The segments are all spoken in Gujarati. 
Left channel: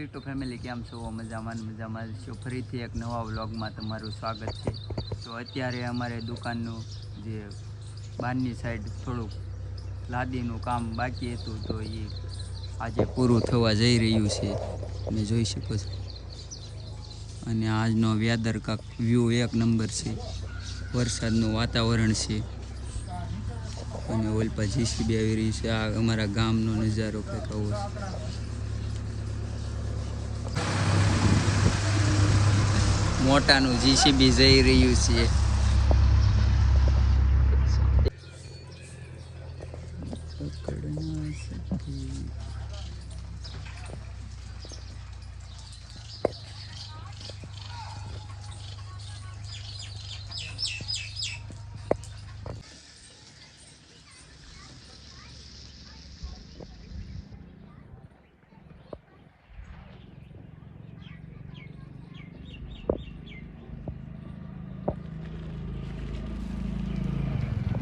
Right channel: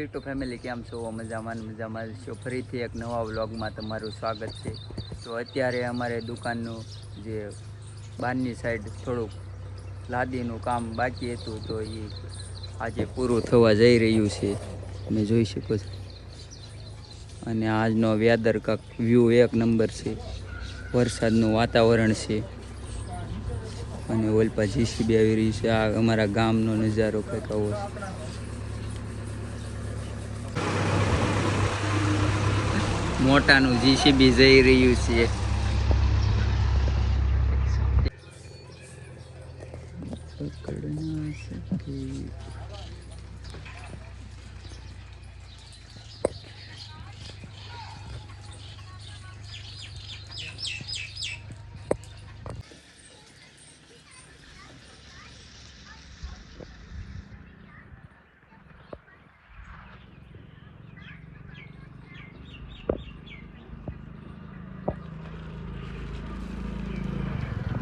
યુટ્યુબ ફેમિલી કેમ છો? મજામાં છો? ફરીથી એક નવા વ્લોગમાં તમારું સ્વાગત છે. તો અત્યારે અમારે દુકાનનું જે બહારની સાઈડ થોડુંક લાદીનું કામ બાકી હતું, તો એ આજે પૂરું થવા જઈ રહ્યું છે, તમે જોઈ શકો છો. અને આજનો વેધર કાંક વ્યૂ એક નંબર છે, વરસાદનું વાતાવરણ છે. અને ઓલપા જીસીબી આવી રહી છે. આ અમારા ગામનો નજારો કંઈક આવો છે. મોટાનું જીસીબી જઈ રહ્યું છે.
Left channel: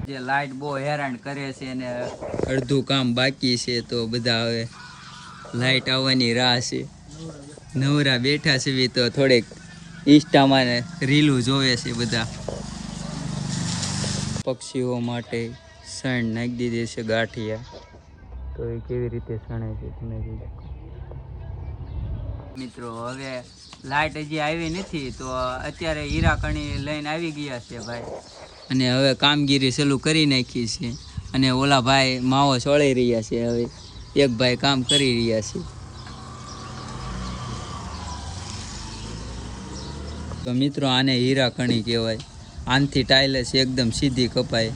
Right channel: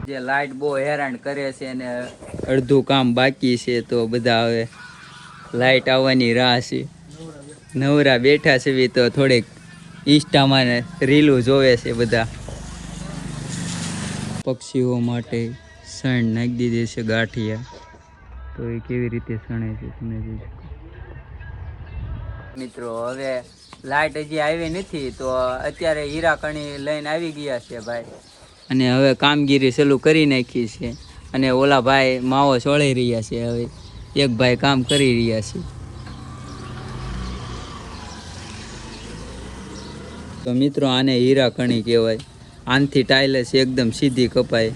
જે લાઇટ બહુ હેરાન કરે છે અને અડધું કામ બાકી છે, તો બધા હવે લાઇટ આવવાની રાહ છે. નવરા બેઠા છે તો થોડીક ઇન્સ્ટામાં રીલું જોવે છે બધા. પક્ષીઓ માટે સણ નાખી દીધી છે ગાંઠિયા, તો એ કેવી રીતે સણે છે તમે જોઈ શકો. મિત્રો હવે લાઇટ હજી આવી નથી, તો અત્યારે હીરા કણી લઈને આવી ગયા છે ભાઈ, અને હવે કામગીરી ચાલુ કરી નાખી છે. અને ઓલા ભાઈ માવો છોડી રહ્યા છે. હવે એક ભાઈ કામ કરી રહ્યા છે. તો મિત્રો આને હીરા કણી કહેવાય. આનથી ટાઇલ્સ એકદમ સીધી કપાય.